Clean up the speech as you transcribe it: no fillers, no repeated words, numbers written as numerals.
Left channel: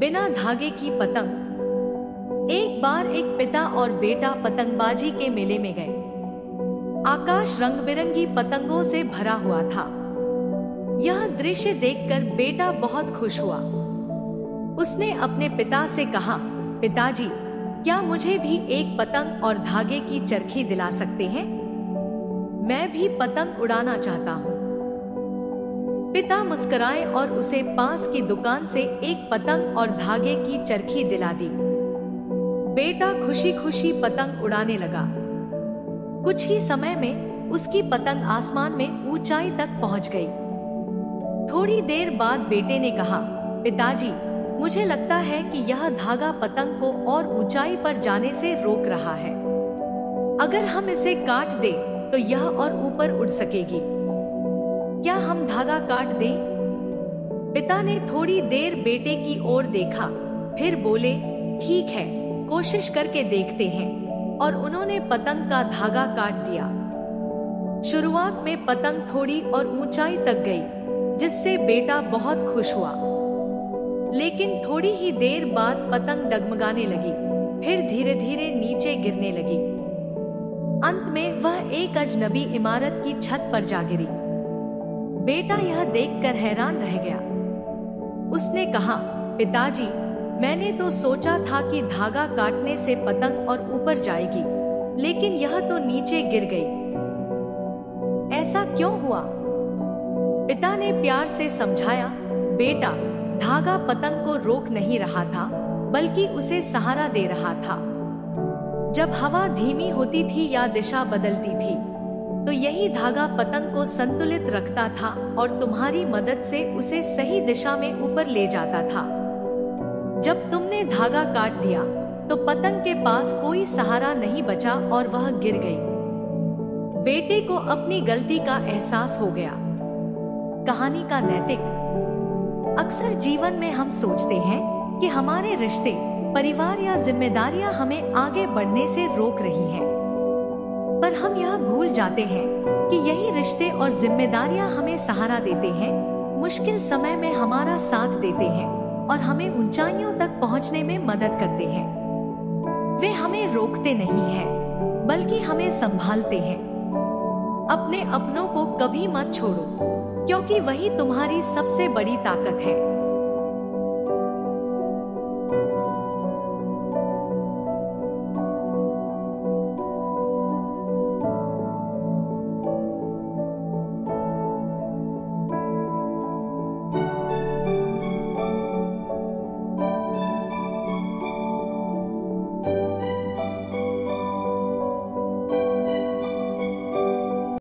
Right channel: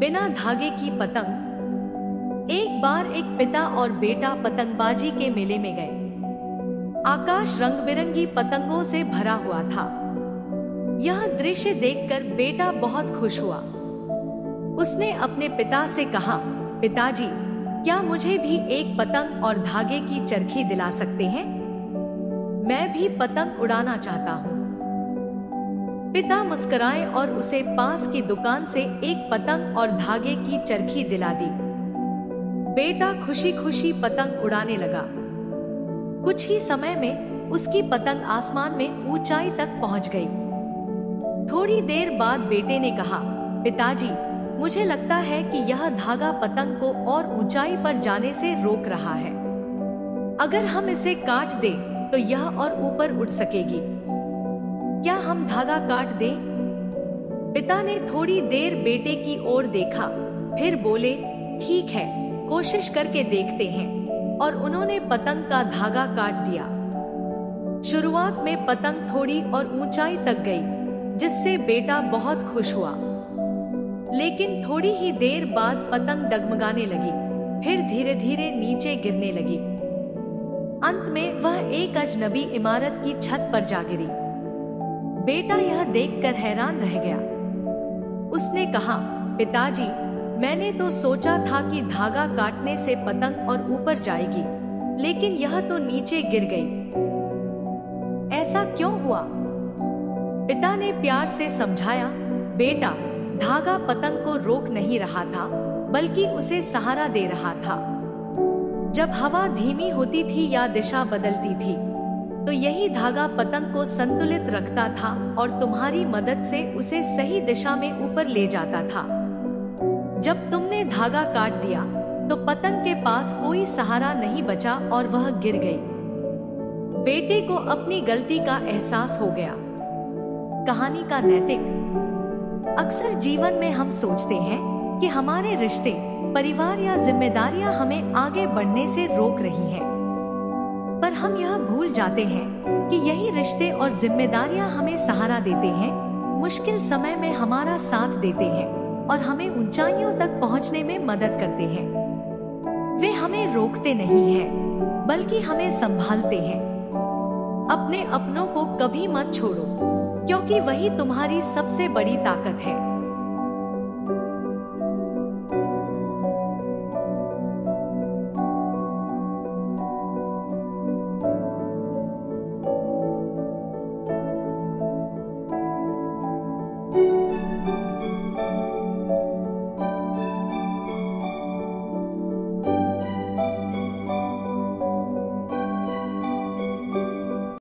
बिना धागे की पतंग। एक बार एक पिता और बेटा पतंगबाजी के मेले में गए। आकाश रंग बिरंगी पतंगों से भरा हुआ था। यह दृश्य देखकर बेटा बहुत खुश हुआ। उसने अपने पिता से कहा, पिताजी, क्या मुझे भी एक पतंग और धागे की चरखी दिला सकते हैं? मैं भी पतंग उड़ाना चाहता हूँ। पिता मुस्कुराए और उसे पास की दुकान से एक पतंग और धागे की चरखी दिला दी। बेटा खुशी खुशी पतंग उड़ाने लगा। कुछ ही समय में उसकी पतंग आसमान में ऊंचाई तक पहुंच गई। थोड़ी देर बाद बेटे ने कहा, पिताजी, मुझे लगता है कि यह धागा पतंग को और ऊंचाई पर जाने से रोक रहा है। अगर हम इसे काट दें तो यह और ऊपर उड़ सकेगी। क्या हम धागा काट दें? पिता ने थोड़ी देर बेटे की ओर देखा, फिर बोले, ठीक है, कोशिश करके देखते हैं। और उन्होंने पतंग का धागा काट दिया। शुरुआत में पतंग थोड़ी और ऊंचाई तक गई, जिससे बेटा बहुत खुश हुआ। लेकिन थोड़ी ही देर बाद पतंग डगमगाने लगी, फिर धीरे धीरे नीचे गिरने लगी। अंत में वह एक अजनबी इमारत की छत पर जा गिरी। बेटा यह देखकर हैरान रह गया। उसने कहा, पिताजी, मैंने तो सोचा था कि धागा काटने से पतंग और ऊपर जाएगी, लेकिन यह तो नीचे गिर गई। ऐसा क्यों हुआ? पिता ने प्यार से समझाया, बेटा, धागा पतंग को रोक नहीं रहा था, बल्कि उसे सहारा दे रहा था। जब हवा धीमी होती थी या दिशा बदलती थी, तो यही धागा पतंग को संतुलित रखता था और तुम्हारी मदद से उसे सही दिशा में ऊपर ले जाता था। जब तुमने धागा काट दिया, तो पतंग के पास कोई सहारा नहीं बचा और वह गिर गई। बेटे को अपनी गलती का एहसास हो गया। कहानी का नैतिक। अक्सर जीवन में हम सोचते हैं कि हमारे रिश्ते, परिवार या जिम्मेदारियां हमें आगे बढ़ने से रोक रही हैं। पर हम यह भूल जाते हैं कि यही रिश्ते और जिम्मेदारियां हमें सहारा देते हैं, मुश्किल समय में हमारा साथ देते हैं और हमें ऊंचाइयों तक पहुंचने में मदद करते हैं। वे हमें रोकते नहीं हैं, बल्कि हमें संभालते हैं। अपने अपनों को कभी मत छोड़ो, क्योंकि वही तुम्हारी सबसे बड़ी ताकत है।